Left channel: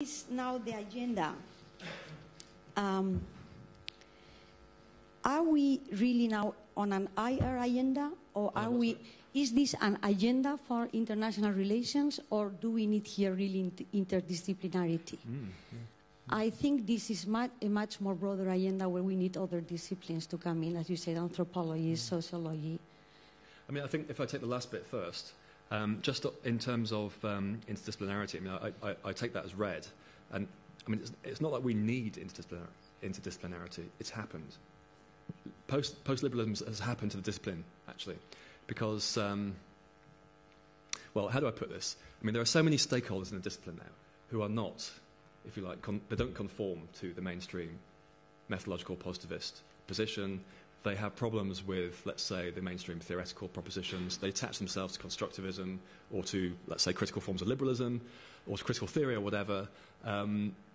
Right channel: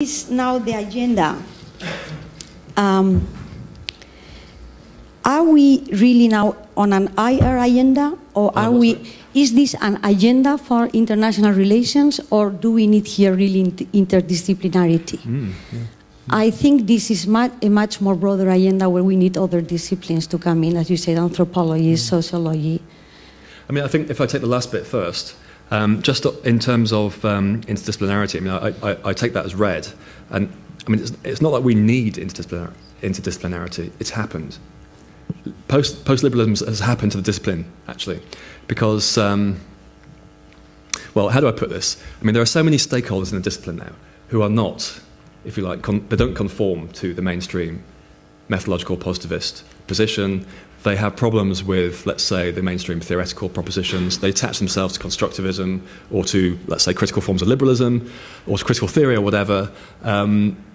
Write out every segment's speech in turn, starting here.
is now the agenda. Are we really now on an IR agenda, or are we? Is this an agenda for international relations, or do we need here really interdisciplinarity? I think this is a much more broader agenda where we need other disciplines to come in, as you said, anthropology, sociology. I mean, I think if I take the last bit first, just in terms of interdisciplinarity, I mean, I take that as read. And I mean, it's not that we need interdisciplinarity, it's happened. Post-liberalism has happened to the discipline, actually, because, well, how do I put this? I mean, there are so many stakeholders in the discipline now who are not, if you like, they don't conform to the mainstream methodological positivist position. They have problems with, let's say, the mainstream theoretical propositions. They attach themselves to constructivism or to, let's say, critical forms of liberalism or to critical theory or whatever,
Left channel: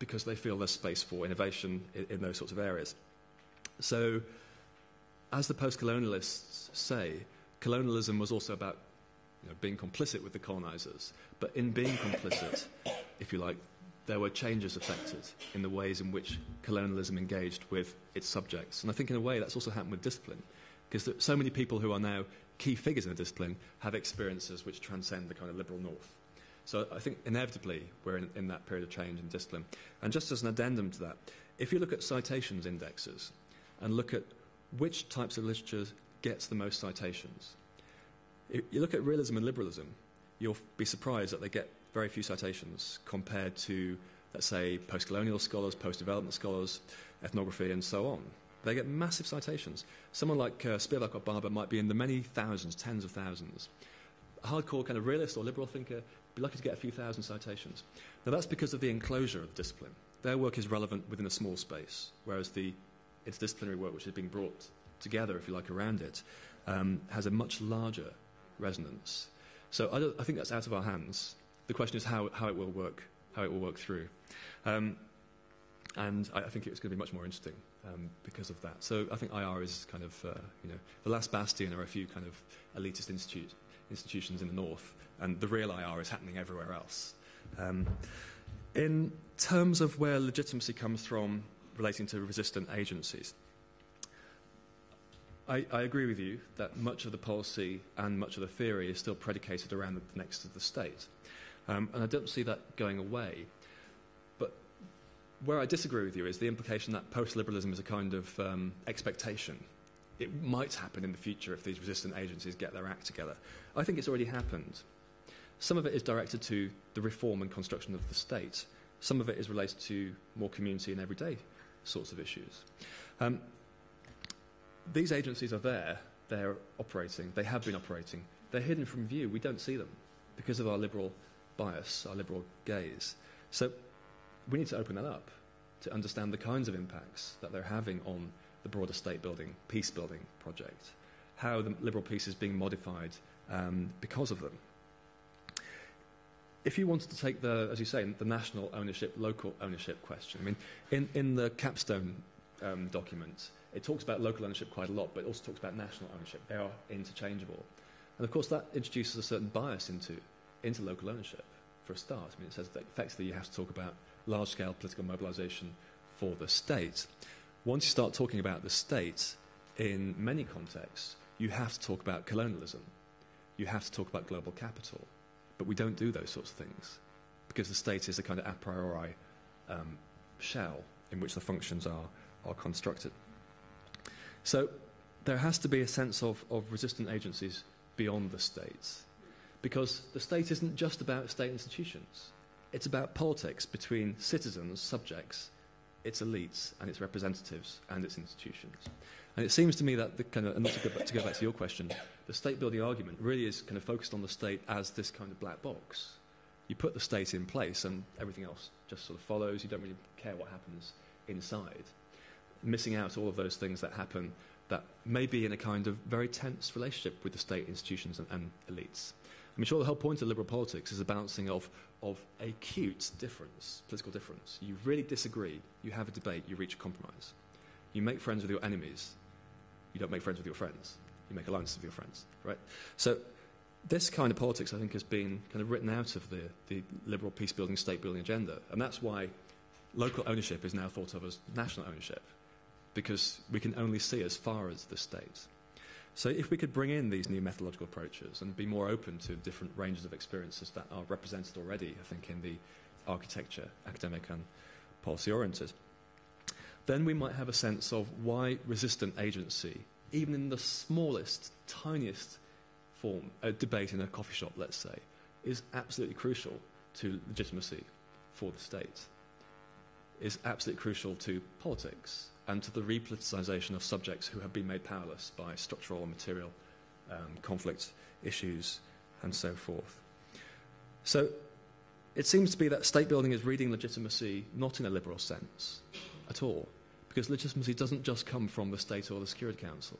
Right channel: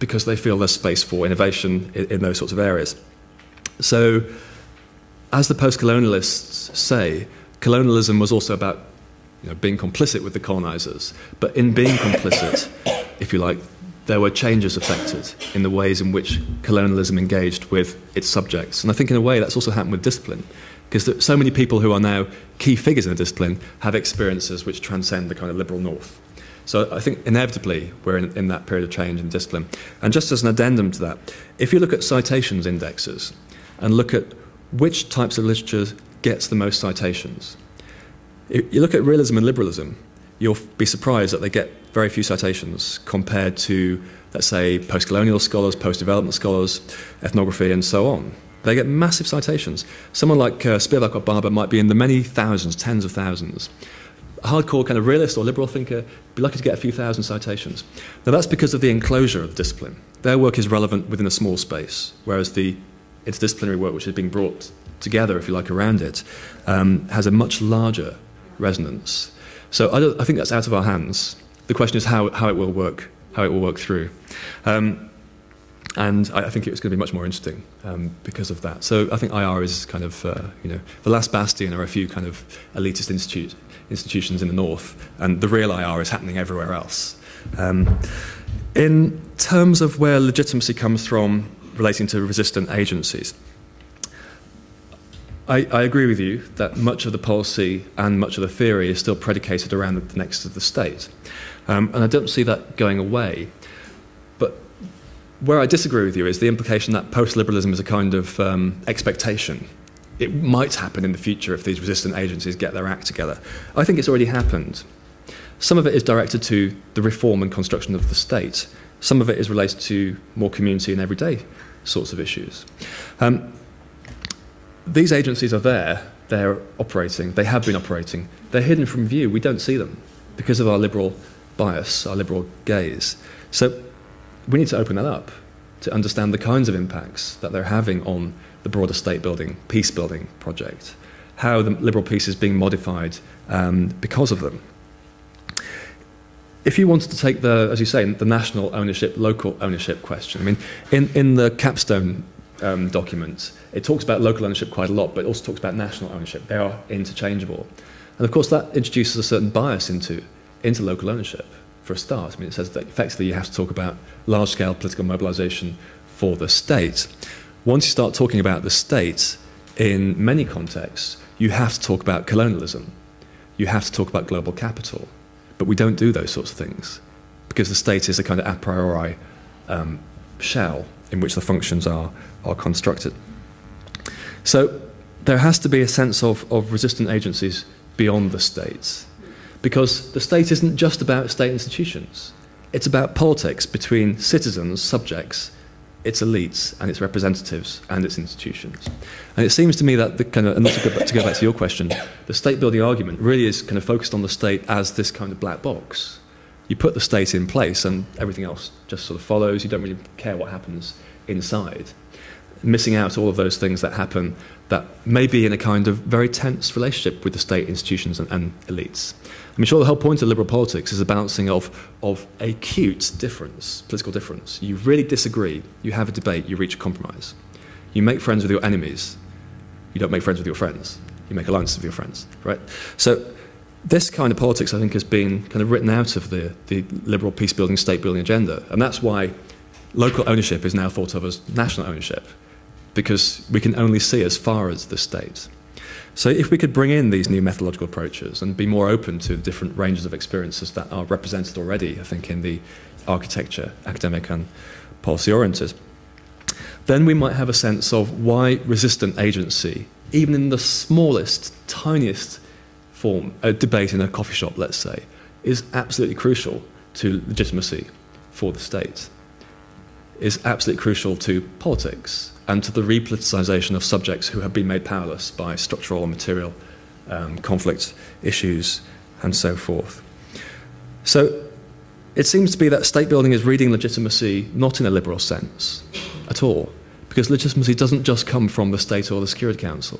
because they feel there's space for innovation in those sorts of areas. So, as the post-colonialists say, colonialism was also about being complicit with the colonizers. But in being complicit, if you like, there were changes affected in the ways in which colonialism engaged with its subjects. And I think in a way that's also happened with discipline, because so many people who are now key figures in the discipline have experiences which transcend the kind of liberal north. So I think inevitably we're in that period of change in discipline. And just as an addendum to that, if you look at citations indexes and look at which types of literature gets the most citations, you look at realism and liberalism, you'll be surprised that they get very few citations compared to, let's say, post-colonial scholars, post-development scholars, ethnography, and so on. They get massive citations. Someone like Spivak or Barber might be in the many thousands, tens of thousands. A hardcore kind of realist or liberal thinker would be lucky to get a few thousand citations. Now, that's because of the enclosure of the discipline. Their work is relevant within a small space, whereas the interdisciplinary work, which is being brought together, if you like, around it, has a much larger resonance. So I think that's out of our hands. The question is how it will work, through. And I think it's going to be much more interesting because of that. So I think IR is kind of, the last bastion are a few kind of elitist institutions in the north, and the real IR is happening everywhere else. In terms of where legitimacy comes from relating to resistant agencies, I agree with you that much of the policy and much of the theory is still predicated around the nexus of the state. And I don't see that going away. But where I disagree with you is the implication that post-liberalism is a kind of expectation. It might happen in the future if these resistant agencies get their act together. I think it's already happened. Some of it is directed to the reform and construction of the state. Some of it is related to more community and everyday sorts of issues. These agencies are there, they're operating, they have been operating, they're hidden from view, we don't see them because of our liberal bias, our liberal gaze. So we need to open that up to understand the kinds of impacts that they're having on the broader state-building, peace-building project, how the liberal peace is being modified because of them. If you wanted to take the, as you say, the national ownership, local ownership question, I mean, in the capstone document, it talks about local ownership quite a lot, but it also talks about national ownership. They are interchangeable. And of course, that introduces a certain bias into local ownership, for a start. I mean, it says that effectively you have to talk about large-scale political mobilization for the state. Once you start talking about the state, in many contexts, you have to talk about colonialism. You have to talk about global capital. But we don't do those sorts of things, because the state is a kind of a priori shell in which the functions are constructed. So there has to be a sense of resistant agencies beyond the states, because the state isn't just about state institutions. It's about politics between citizens, subjects, its elites and its representatives and its institutions. And it seems to me that the kind of, and to go back to your question, the state-building argument really is kind of focused on the state as this kind of black box. You put the state in place and everything else just sort of follows. You don't really care what happens inside, missing out all of those things that happen that may be in a kind of very tense relationship with the state institutions and elites. I mean, sure, the whole point of liberal politics is a balancing of acute difference, political difference. You really disagree, you have a debate, you reach a compromise. You make friends with your enemies, you don't make friends with your friends. You make alliances with your friends, right? So This kind of politics, I think, has been kind of written out of the liberal peace-building, state-building agenda. And that's why local ownership is now thought of as national ownership, because we can only see as far as the state. So if we could bring in these new methodological approaches and be more open to the different ranges of experiences that are represented already, I think, in the architecture, academic and policy-oriented, then we might have a sense of why resistant agency, even in the smallest, tiniest form, a debate in a coffee shop, let's say, is absolutely crucial to legitimacy for the state, is absolutely crucial to politics and to the repoliticization of subjects who have been made powerless by structural and material conflict issues and so forth. So it seems to be that state building is reading legitimacy not in a liberal sense at all, because legitimacy doesn't just come from the state or the Security Council,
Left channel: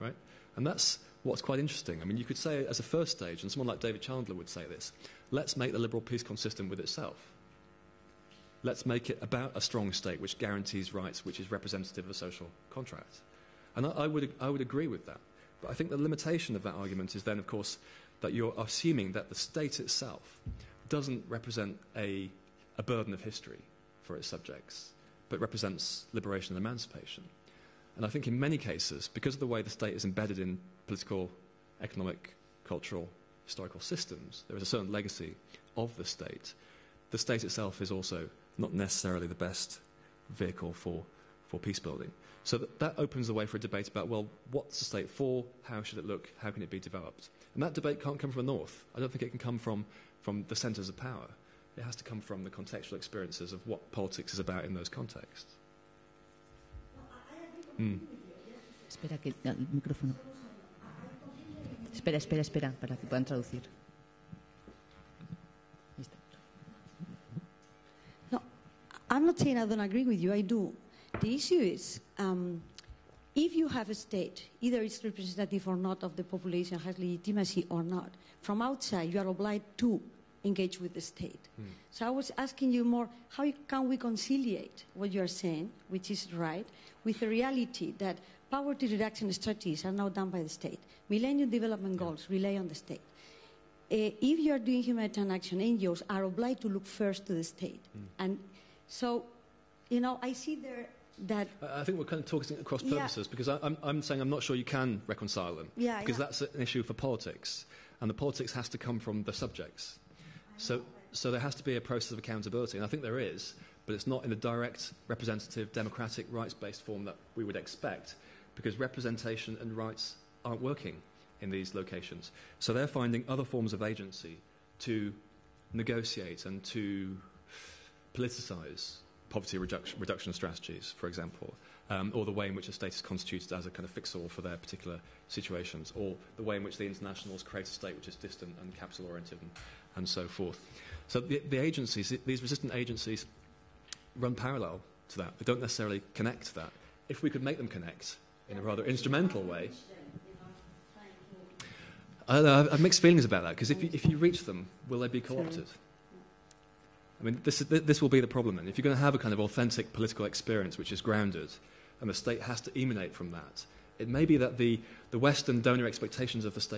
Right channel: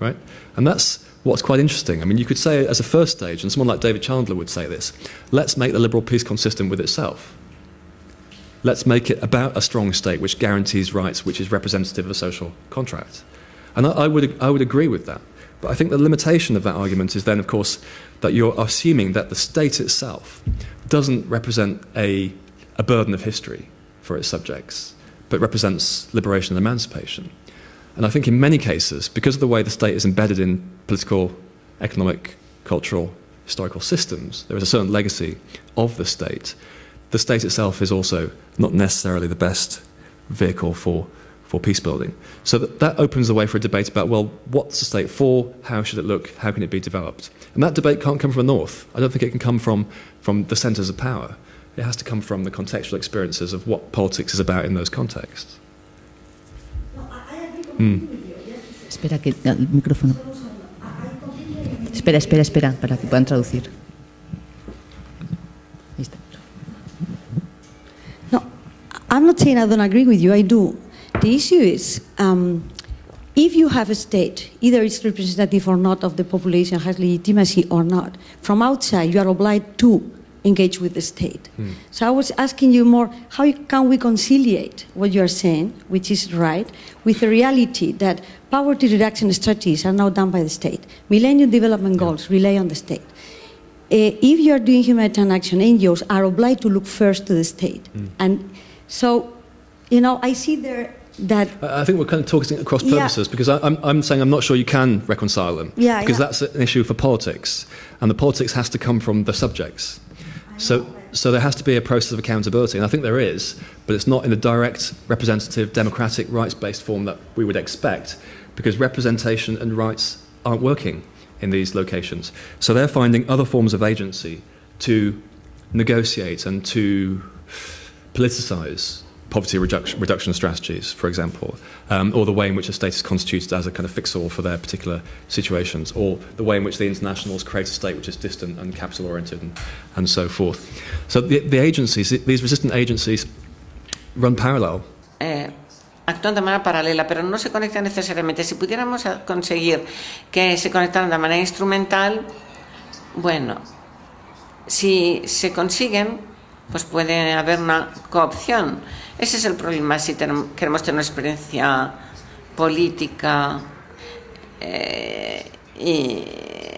right? And that's what's quite interesting. I mean, you could say as a first stage, and someone like David Chandler would say this, let's make the liberal peace consistent with itself. Let's make it about a strong state which guarantees rights, which is representative of a social contract. And I would agree with that. But I think the limitation of that argument is then, of course, that you're assuming that the state itself doesn't represent a burden of history for its subjects, but represents liberation and emancipation. And I think in many cases, because of the way the state is embedded in political, economic, cultural, historical systems, there is a certain legacy of the state. The state itself is also not necessarily the best vehicle for peace building. So that opens the way for a debate about, well, what's the state for? How should it look? How can it be developed? And that debate can't come from the north. I don't think it can come from the centres of power. It has to come from the contextual experiences of what politics is about in those contexts. Espera que el micrófono. Espera, para que puedan traducir. Ahí está. No, I'm not saying I don't agree with you. I do. The issue is, if you have a state, either it's representative or not of the population, has legitimacy or not, from outside you are obliged to engage with the state. So I was asking you more, how can we conciliate what you are saying, which is right, with the reality that poverty reduction strategies are now done by the state. Millennium Development Goals rely on the state. If you are doing humanitarian action, NGOs are obliged to look first to the state. And so, you know, I see there that... I think we're kind of talking across purposes, because I'm saying I'm not sure you can reconcile them, because that's an issue for politics, and the politics has to come from the subjects. So there has to be a process of accountability, and I think there is, but it's not in the direct, representative, democratic, rights-based form that we would expect, because representation and rights aren't working in these locations. So they're finding other forms of agency to negotiate and to politicise poverty reduction strategies, for example, or the way in which a state is constituted as a kind of fix-all for their particular situations, or the way in which the internationals create a state which is distant and capital-oriented and so forth. So the agencies, these resistant agencies, run parallel. Actúan de manera paralela, pero no se conectan necesariamente. Si pudiéramos conseguir que se conectaran de manera instrumental, bueno, si se consiguen, pues puede haber una coopción. Ese es el problema si queremos tener una experiencia política y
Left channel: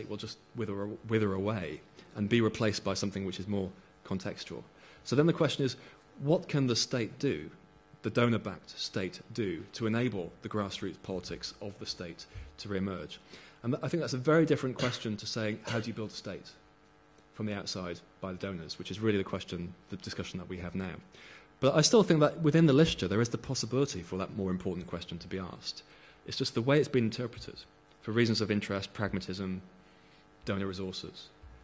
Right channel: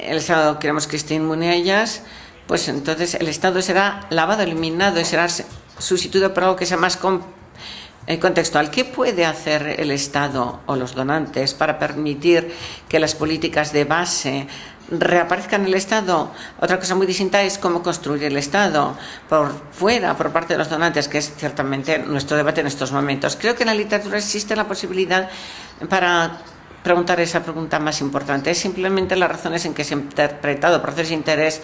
el Estado queremos que esté inmune a ellas, pues entonces el Estado será lavado, eliminado y será sustituido por algo que sea más contextual. ¿Qué puede hacer el Estado o los donantes para permitir que las políticas de base reaparezcan en el Estado? Otra cosa muy distinta es cómo construir el Estado por fuera, por parte de los donantes, que es ciertamente nuestro debate en estos momentos. Creo que en la literatura existe la posibilidad para preguntar esa pregunta más importante. Es simplemente las razones en que se ha interpretado procesos de interés,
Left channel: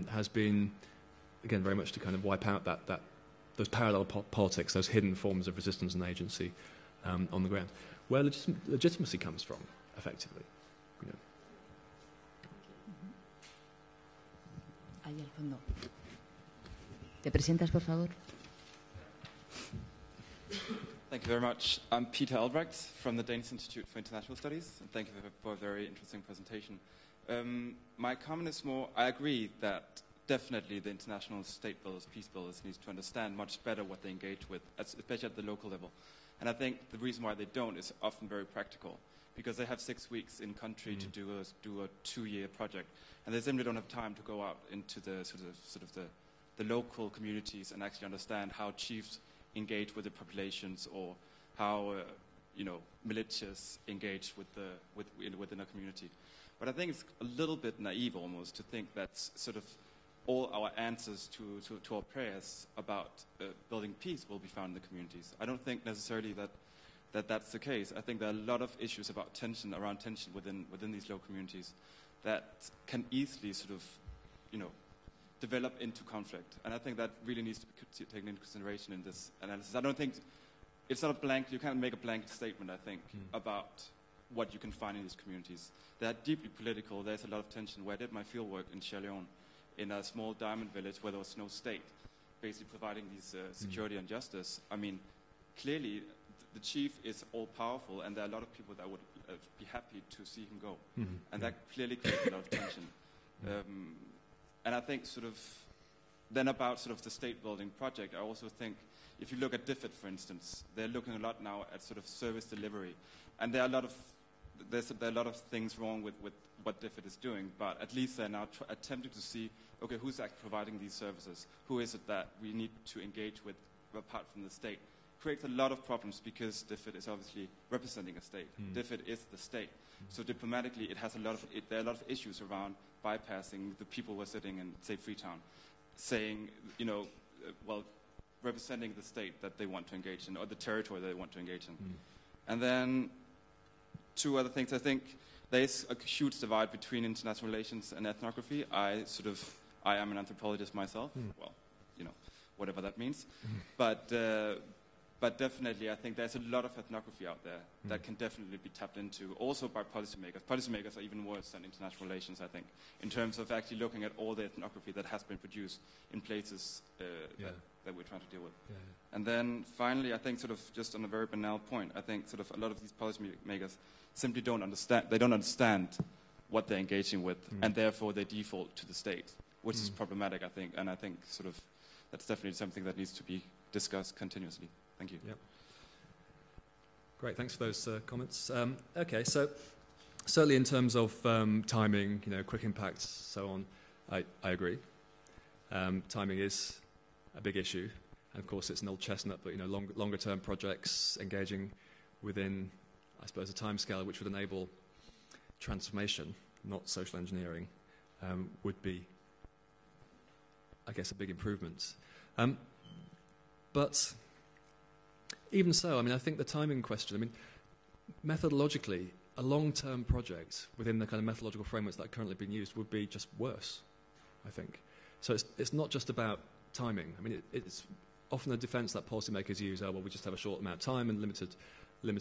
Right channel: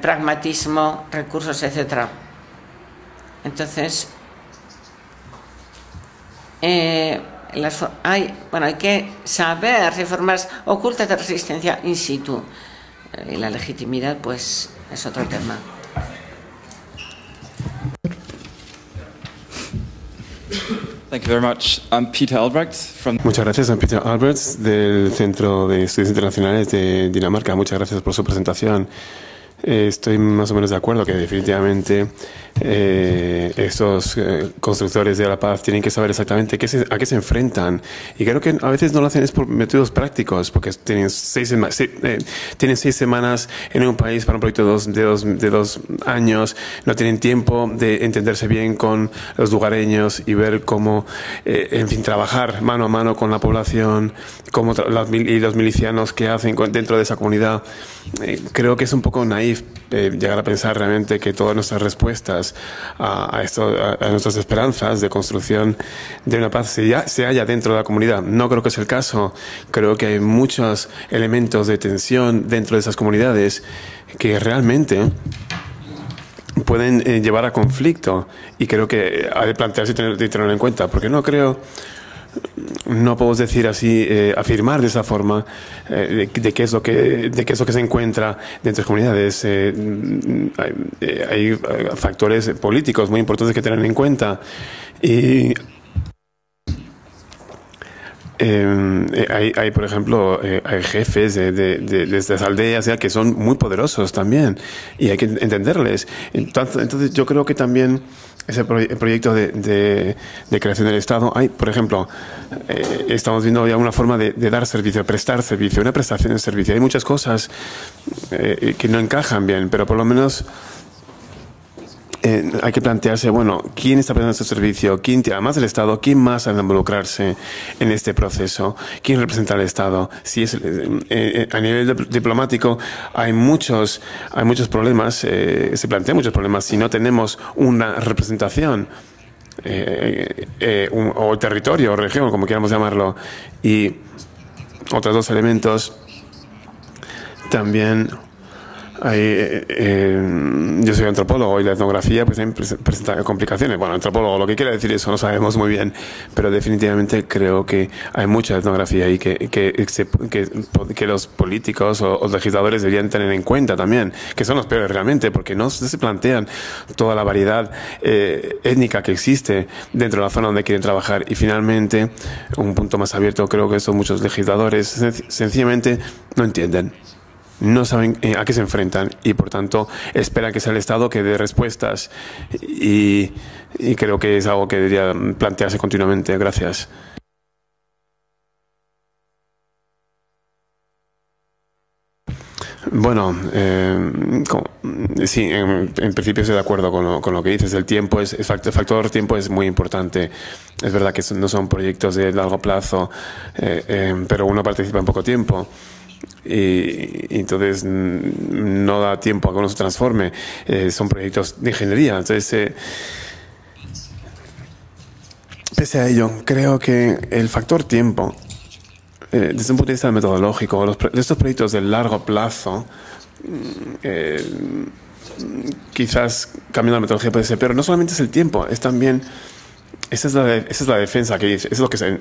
pragmatismo, recursos, etc. Entonces, hay que saber si hay formas ocultas de resistencia in situ. Y la legitimidad, pues, es otro tema. ¿Te presentas, por favor? Thank you very much. I'm Peter Albrecht from... Muchas gracias, soy Peter Albrecht del Centro de Estudios Internacionales de Dinamarca. Muchas gracias por su presentación. Estoy más o menos de acuerdo que definitivamente estos constructores de la paz tienen que saber exactamente a qué se enfrentan. Y creo que a veces no lo hacen es por métodos prácticos, porque tienen 6 semanas en un país para un proyecto de dos años, no tienen tiempo de entenderse bien con los lugareños y ver cómo, en fin, trabajar mano a mano con la población, cómo y los milicianos que hacen dentro de esa comunidad. Creo que es un poco naif llegar a pensar realmente que todas nuestras respuestas a nuestras esperanzas de construcción de una paz se halla dentro de la comunidad. No creo que es el caso. Creo que hay muchos elementos de tensión dentro de esas comunidades que realmente pueden llevar a conflicto, y creo que ha de plantearse y tenerlo en cuenta, porque no podemos decir así, afirmar de esa forma de qué es lo que se encuentra dentro de las comunidades. Hay factores políticos muy importantes que tener en cuenta, y hay, por ejemplo, hay jefes de estas aldeas que son muy poderosos también, y hay que entenderles. Entonces yo creo que también ese proyecto de creación del Estado, por ejemplo, estamos viendo ya una forma de dar servicio, prestar servicio, una prestación de servicio. Hay muchas cosas que no encajan bien, pero por lo menos hay que plantearse, bueno, ¿quién está prestando este servicio? Además del Estado, ¿quién más ha de involucrarse en este proceso? ¿Quién representa al Estado? Si es a nivel diplomático, hay muchos problemas, se plantean muchos problemas si no tenemos una representación o territorio o región, como queramos llamarlo. Y otros dos elementos también. Yo soy antropólogo y la etnografía pues presenta complicaciones. Bueno, antropólogo, lo que quiere decir eso no sabemos muy bien, pero definitivamente creo que hay mucha etnografía y que los políticos o legisladores deberían tener en cuenta también, que son los peores realmente, porque no se plantean toda la variedad étnica que existe dentro de la zona donde quieren trabajar. Y finalmente, un punto más abierto, creo que son muchos legisladores sencillamente no entienden. No saben a qué se enfrentan y, por tanto, esperan que sea el Estado que dé respuestas. Y creo que es algo que debería plantearse continuamente. Gracias. Bueno, sí, en principio estoy de acuerdo con lo que dices. El factor tiempo es muy importante. Es verdad que no son proyectos de largo plazo, pero uno participa en poco tiempo. Y entonces no da tiempo a que uno se transforme. Son proyectos de ingeniería. Entonces, pese a ello, creo que el factor tiempo, desde un punto de vista metodológico, estos proyectos de largo plazo, quizás cambiando la metodología puede ser, pero no solamente es el tiempo, es también. Esa es la defensa que dice. Es lo que en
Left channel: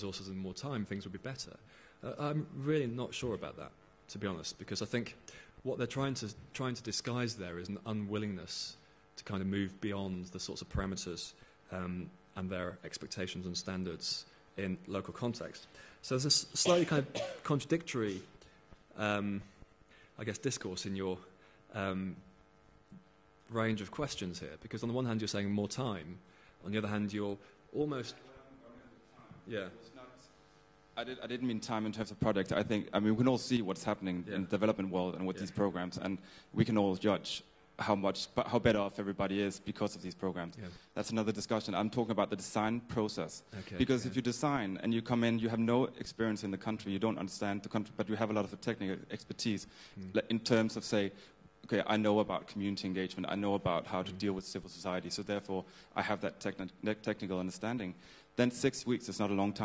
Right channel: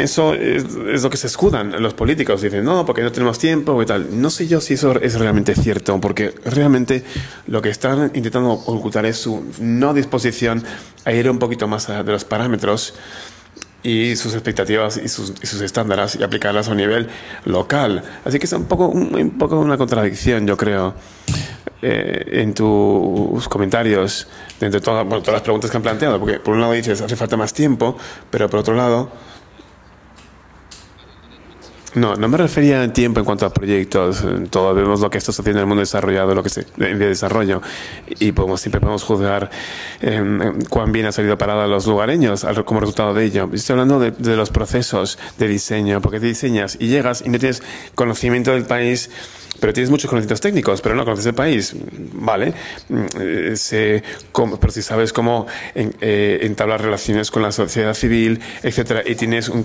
eso es lo que se escudan los políticos. Dicen, no, porque no tenemos tiempo y tal. No sé yo si eso es realmente cierto, porque realmente lo que están intentando ocultar es su no disposición a ir un poquito más allá de los parámetros y sus expectativas y sus estándares y aplicarlas a un nivel local. Así que es un poco una contradicción, yo creo. En tus comentarios, entre todas las preguntas que han planteado, porque por un lado dices hace falta más tiempo, pero por otro lado no me refería a tiempo en cuanto a proyectos. Todos vemos lo que está sucediendo en el mundo desarrollado, de desarrollo, y siempre podemos juzgar cuán bien ha salido parada los lugareños como resultado de ello. Estoy hablando de los procesos de diseño, porque te diseñas y llegas y no tienes conocimiento del país, pero tienes muchos conocimientos técnicos, pero no conoces el país, ¿vale? Pero si sabes cómo entablar relaciones con la sociedad civil, etcétera, y tienes un